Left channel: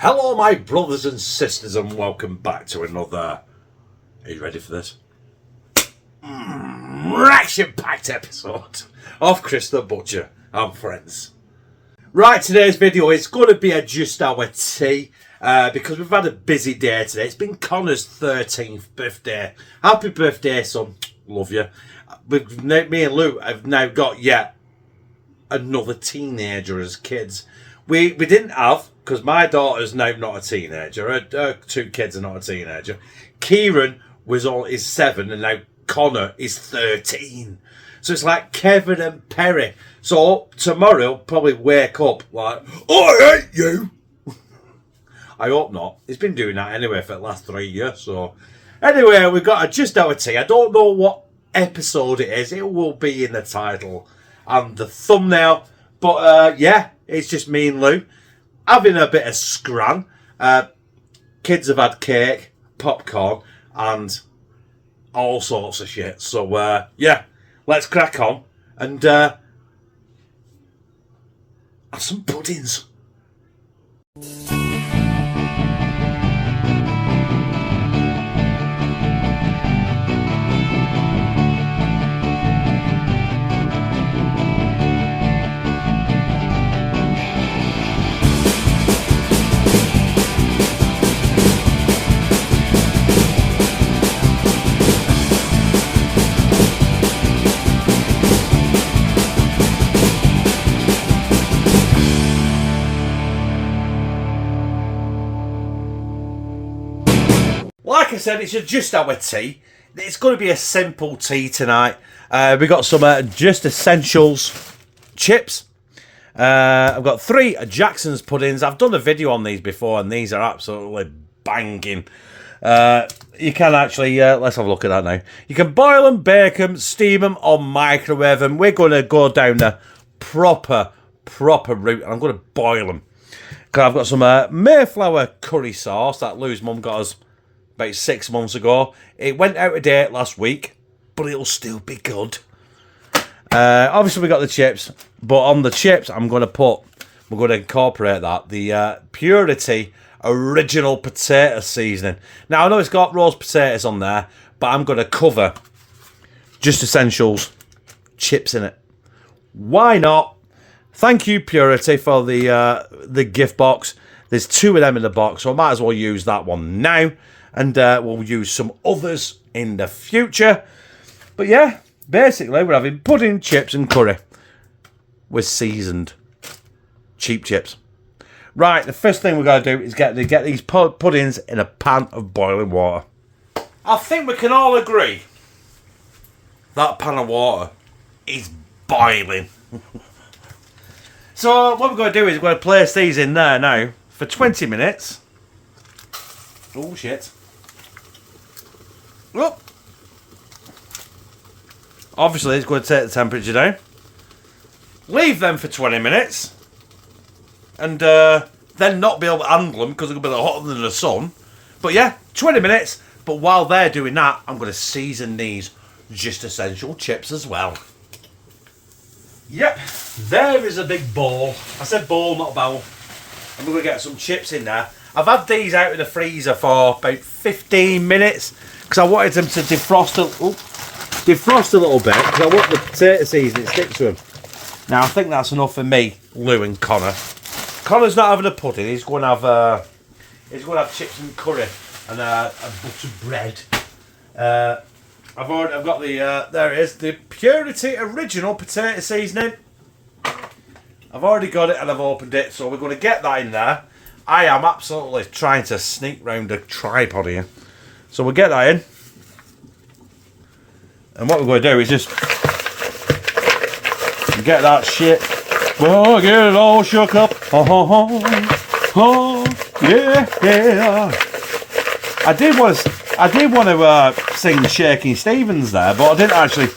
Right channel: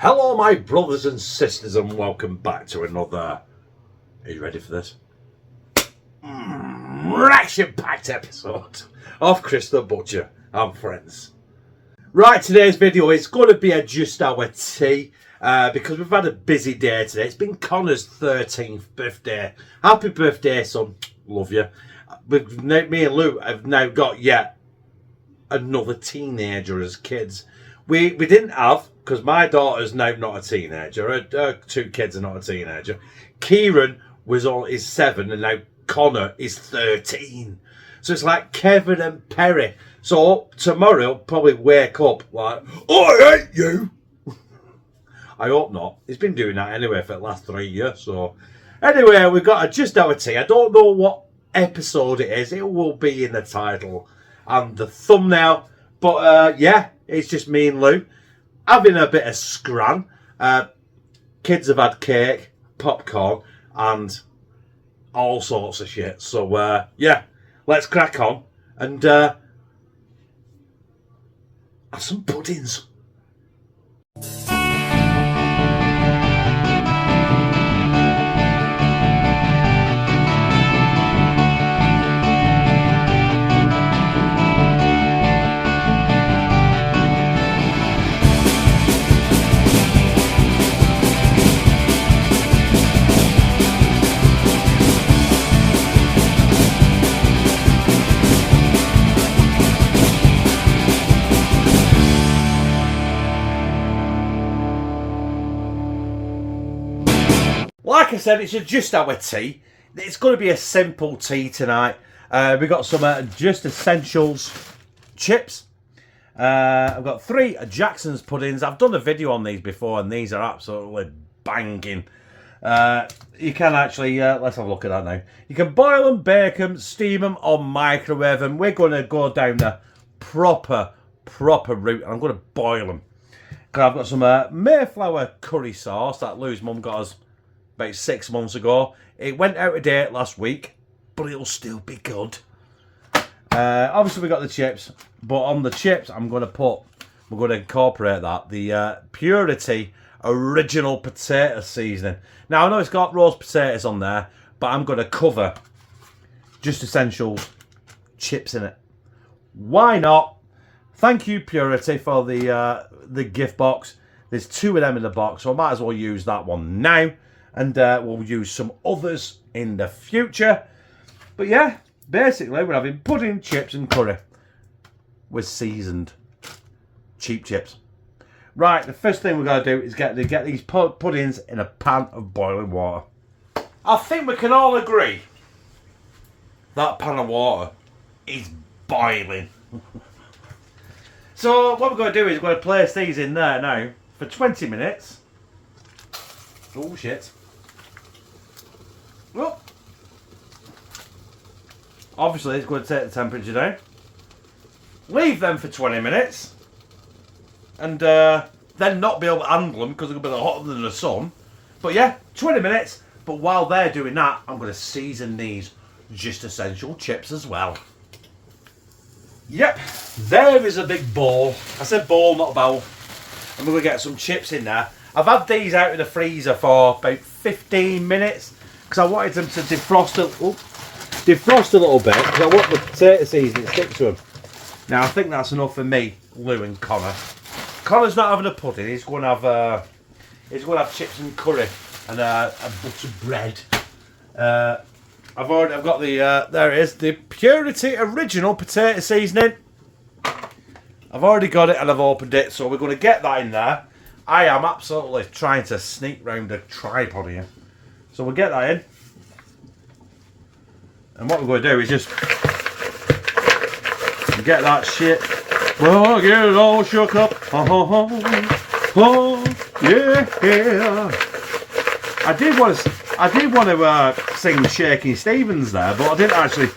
Hello my brothers and sisters and welcome back to another, are you ready for this? Action-packed episode of Chris the Butcher and Friends. Right, today's video is going to be a just our tea because we've had a busy day today. It's been Connor's 13th birthday. Happy birthday, son. Love you. Me and Lou have now got yet another teenager as kids. We didn't have, because my daughter's now not a teenager. Her two kids are not a teenager. Kieran is 7 and now Connor is 13. So it's like Kevin and Perry. So tomorrow he'll probably wake up like, oh, I hate you. I hope not. He's been doing that anyway for the last 3 years. So anyway, we've got a just our tea. I don't know what episode it is. It will be in the title and the thumbnail. But yeah, it's just me and Lou having a bit of scran. Kids have had cake, popcorn, and all sorts of shit. So yeah, let's crack on and have some puddings. Like I said, it's just our tea. It's going to be a simple tea tonight. We got some just essentials chips. I've got 3 Jackson's puddings. I've done a video on these before, and these are absolutely banging. You can actually, let's have a look at that now. You can boil them, bake them, steam them, or microwave them. We're going to go down the proper route. I'm going to boil them. Because I've got some mayflower curry sauce that Lou's mum got us about 6 months ago. It went out of date last week, but it'll still be good. Obviously, we got the chips, but on the chips, we're going to incorporate that, the purèety original potato seasoning. Now, I know it's got roast potatoes on there, but I'm going to cover just essentials chips in it. Why not? Thank you, purèety, for the gift box. There's 2 of them in the box, so I might as well use that one now. And we'll use some others in the future. But yeah, basically we're having pudding, chips and curry with seasoned cheap chips. Right, the first thing we're going to do is get these puddings in a pan of boiling water. I think we can all agree that pan of water is boiling. So what we're going to do is we're going to place these in there now for 20 minutes. Oh shit. Oh. Obviously it's going to take the temperature down. Leave them for 20 minutes. And then not be able to handle them because they're going to be hotter than the sun. But yeah, 20 minutes. But while they're doing that, I'm going to season these just essential chips as well. Yep, there is a big bowl. I said bowl, not a bowl. I'm going to get some chips in there. I've had these out of the freezer for about 15 minutes because I wanted them to defrost a little bit because I want the potato seasoning to stick to them. Now I think that's enough for me, Lou and Connor. Connor's not having a pudding. He's going to have chips and curry and a butter bread. I've got the there it is, the purèety original potato seasoning. I've already got it and I've opened it, so we're going to get that in there. I am absolutely trying to sneak round a tripod here. So we'll get that in. And what we're going to do is just get that shit. We'll get it all shook up. Oh, yeah. I did want to sing Shaking Stevens there, but I didn't actually.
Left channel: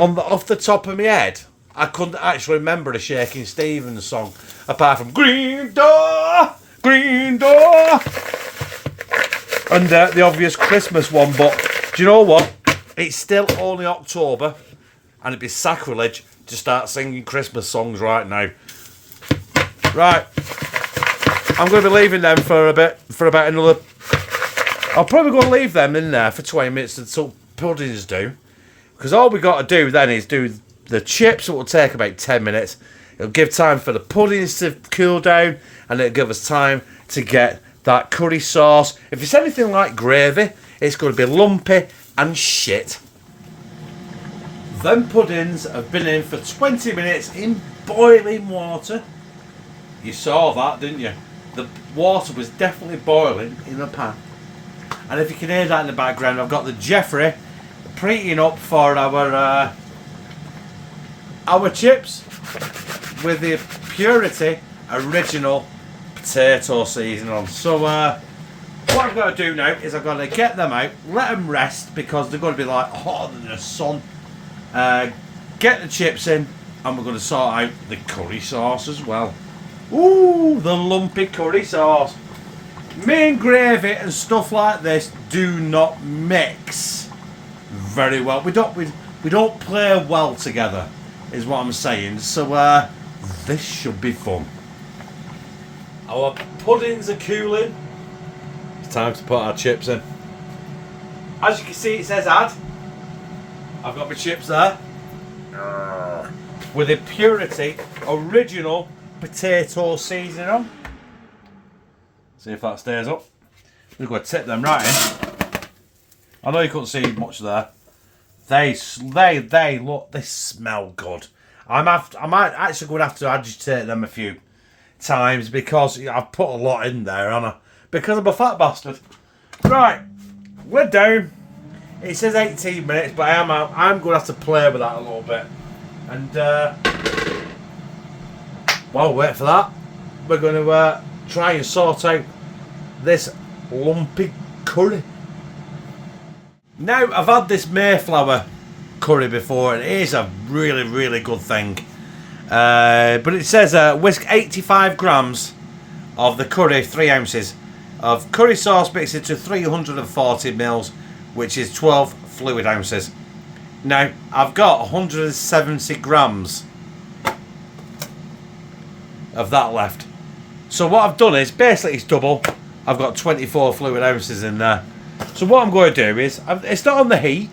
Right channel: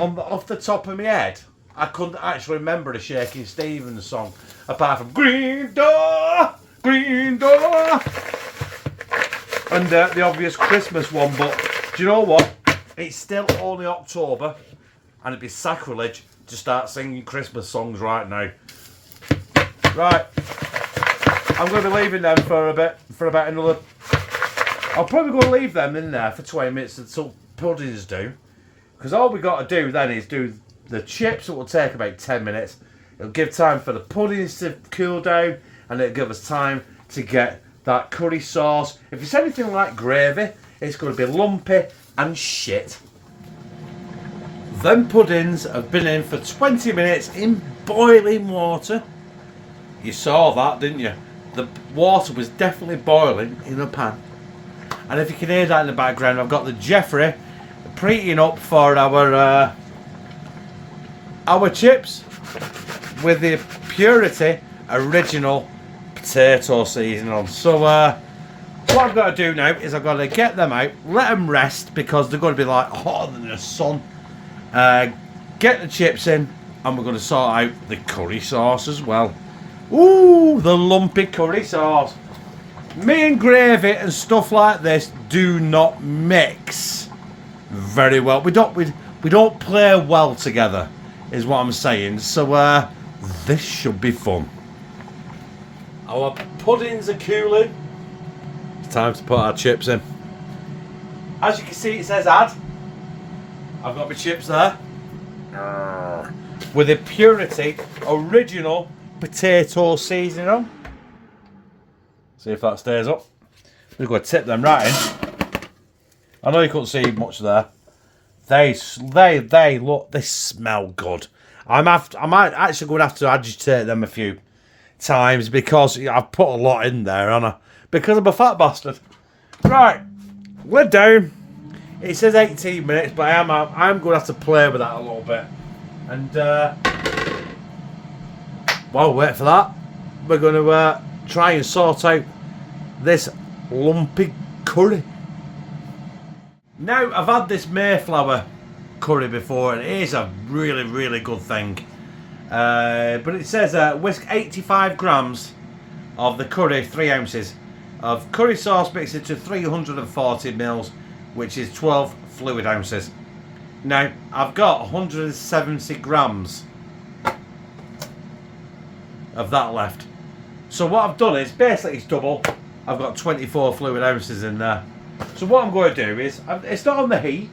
Off the top of my head, I couldn't actually remember a Shaking Stevens song apart from Green Door. Green door! And the obvious Christmas one, but do you know what? It's still only October, and it'd be sacrilege to start singing Christmas songs right now. Right. I'm going to be leaving them for about another... I'll probably go and leave them in there for 20 minutes until puddings do. Because all we got to do then is do the chips, it will take about 10 minutes. It'll give time for the puddings to cool down, and it'll give us time to get that curry sauce. If it's anything like gravy, it's going to be lumpy and shit. Them puddings have been in for 20 minutes in boiling water. You saw that, didn't you? The water was definitely boiling in the pan. And if you can hear that in the background, I've got the Jeffrey preheating up for our chips with the Purèety original potato seasoning on. So what I've got to do now is I've got to get them out, let them rest because they're going to be like hotter than the sun. Get the chips in, and we're going to sort out the curry sauce as well. Ooh, the lumpy curry sauce. Me and gravy and stuff like this do not mix very well. We don't play well together, is what I'm saying. So this should be fun. Our puddings are cooling. It's time to put our chips in. As you can see, it says add. I've got my chips there. With a Purèety original potato seasoning on. See if that stays up. We're going to tip them right in. I know you couldn't see much there. They smell good. I might actually going to have to agitate them a few times because I've put a lot in there, haven't I? Because I'm a fat bastard. Right, we're down. It says 18 minutes, but I'm going to have to play with that a little bit. And while we wait for that, we're going to try and sort out this lumpy curry. Now, I've had this mayflower curry before, and it is a really, really good thing. But it says whisk 85 grams of the curry, 3 ounces of curry sauce mixed into 340 mils, which is 12 fluid ounces. Now, I've got 170 grams of that left. So what I've done is, basically it's double. I've got 24 fluid ounces in there. So what I'm going to do is, it's not on the heat.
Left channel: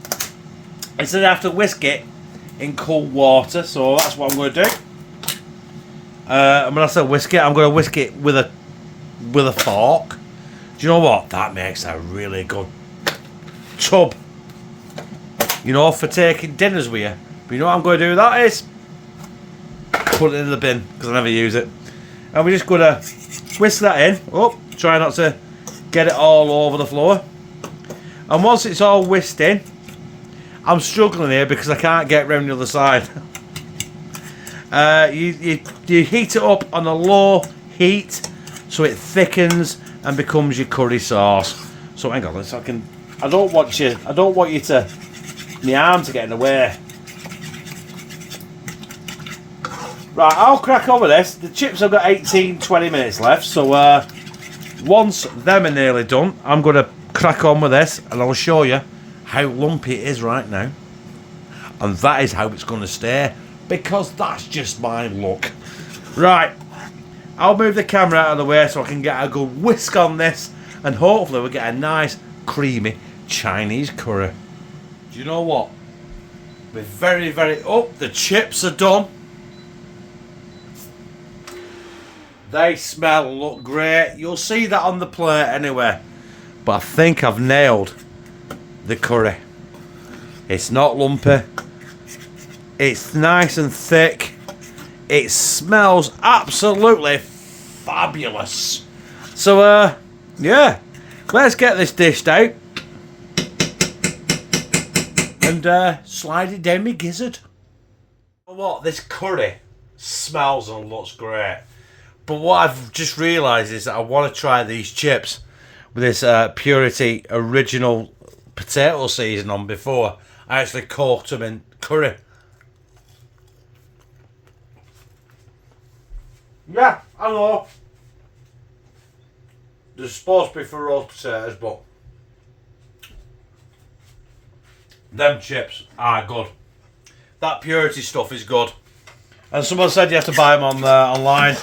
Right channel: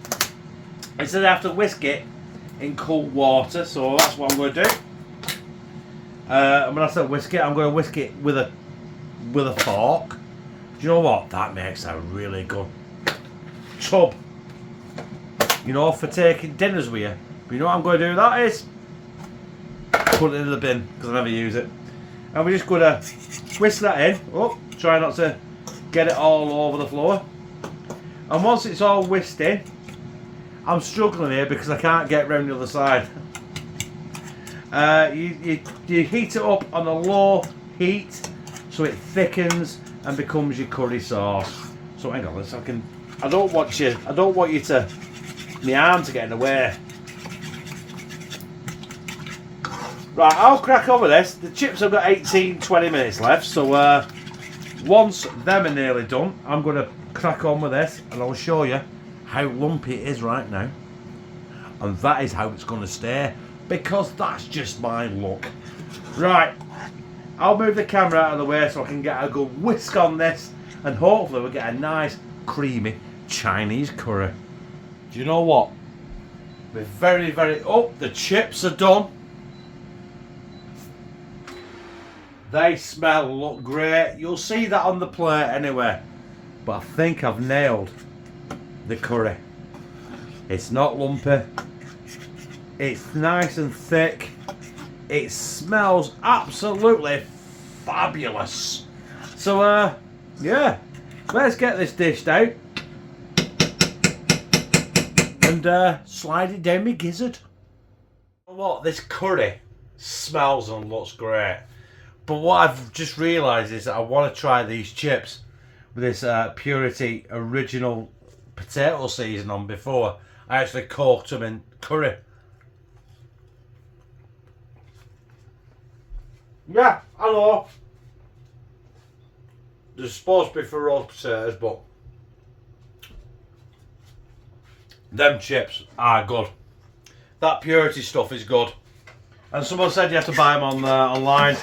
It's that I have to whisk it in cold water. So that's what I'm going to do. And when I say whisk it, I'm going to whisk it with a fork. Do you know what? That makes a really good tub. You know, for taking dinners with you. But you know what I'm going to do with that is put it in the bin because I never use it. And we're just going to whisk that in. Oh, try not to get it all over the floor. And once it's all whisked in, I'm struggling here because I can't get round the other side. You heat it up on a low heat so it thickens and becomes your curry sauce. So hang on, I don't want you to my arm to get in the way. Right, I'll crack on with this. The chips have got 18-20 minutes left, so once them are nearly done, I'm going to crack on with this and I'll show you how lumpy it is right now. And that is how it's going to stay, because that's just my luck. Right, I'll move the camera out of the way so I can get a good whisk on this, and hopefully we'll get a nice creamy Chinese curry. Do you know what? We're very, very... Oh, the chips are done. They smell and look great. You'll see that on the plate anyway. But I think I've nailed the curry. It's not lumpy. It's nice and thick. It smells absolutely fabulous. So, yeah. Let's get this dished out. And slide it down my gizzard. You know what? This curry smells and looks great. But what I've just realised is that I want to try these chips with this Purèety original potato seasoning on before I actually cooked them in curry. Yeah, I know. They're supposed to be for roast potatoes, but them chips are good. That Purèety stuff is good. And someone said you have to buy them on online.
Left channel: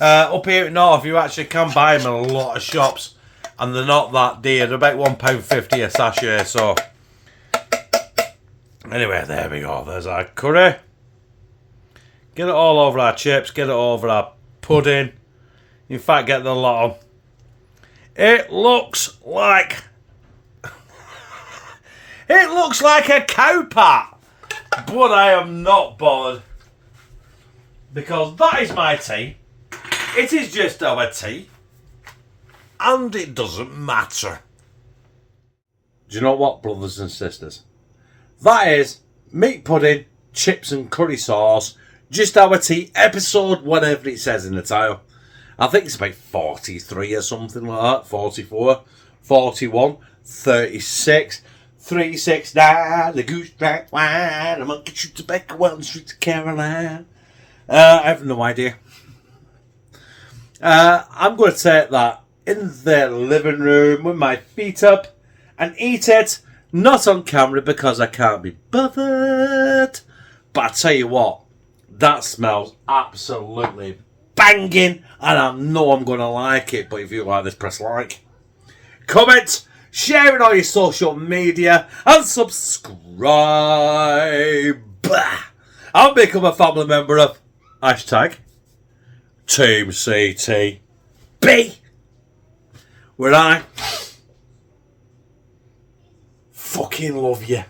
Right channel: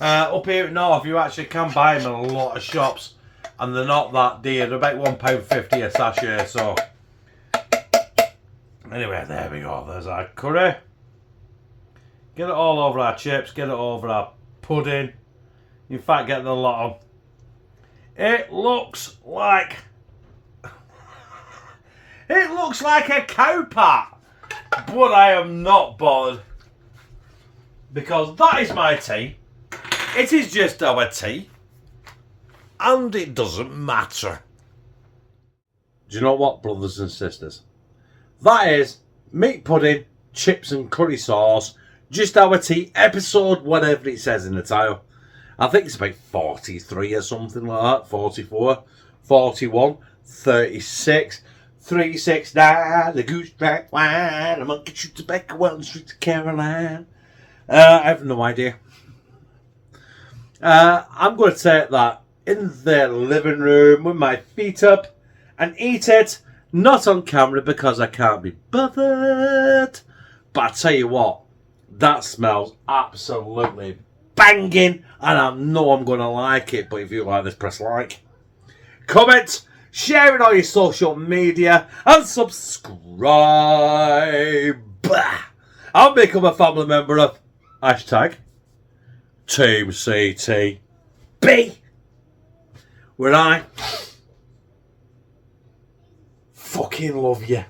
Up here at North, you actually can buy them in a lot of shops, and they're not that dear. They're about £1.50 a sachet. So, anyway, there we go. There's our curry. Get it all over our chips. Get it over our pudding. In fact, get the lot on. It looks like a cow pat, but I am not bothered because that is my tea. It is just our tea, and it doesn't matter. Do you know what, brothers and sisters? That is meat pudding, chips and curry sauce, just our tea, episode whatever it says in the title. I think it's about 43 or something like that, 44, 41, 36, 369, the goose track wine, a monkey shoot tobacco, well, the streets of Caroline. I have no idea. I'm going to take that in the living room with my feet up and eat it, not on camera because I can't be bothered. But I tell you what, that smells absolutely banging, and I know I'm going to like it. But if you like this, press like, comment, share it on your social media, and subscribe. I'll become a family member of hashtag Team CTB, where I fucking love you.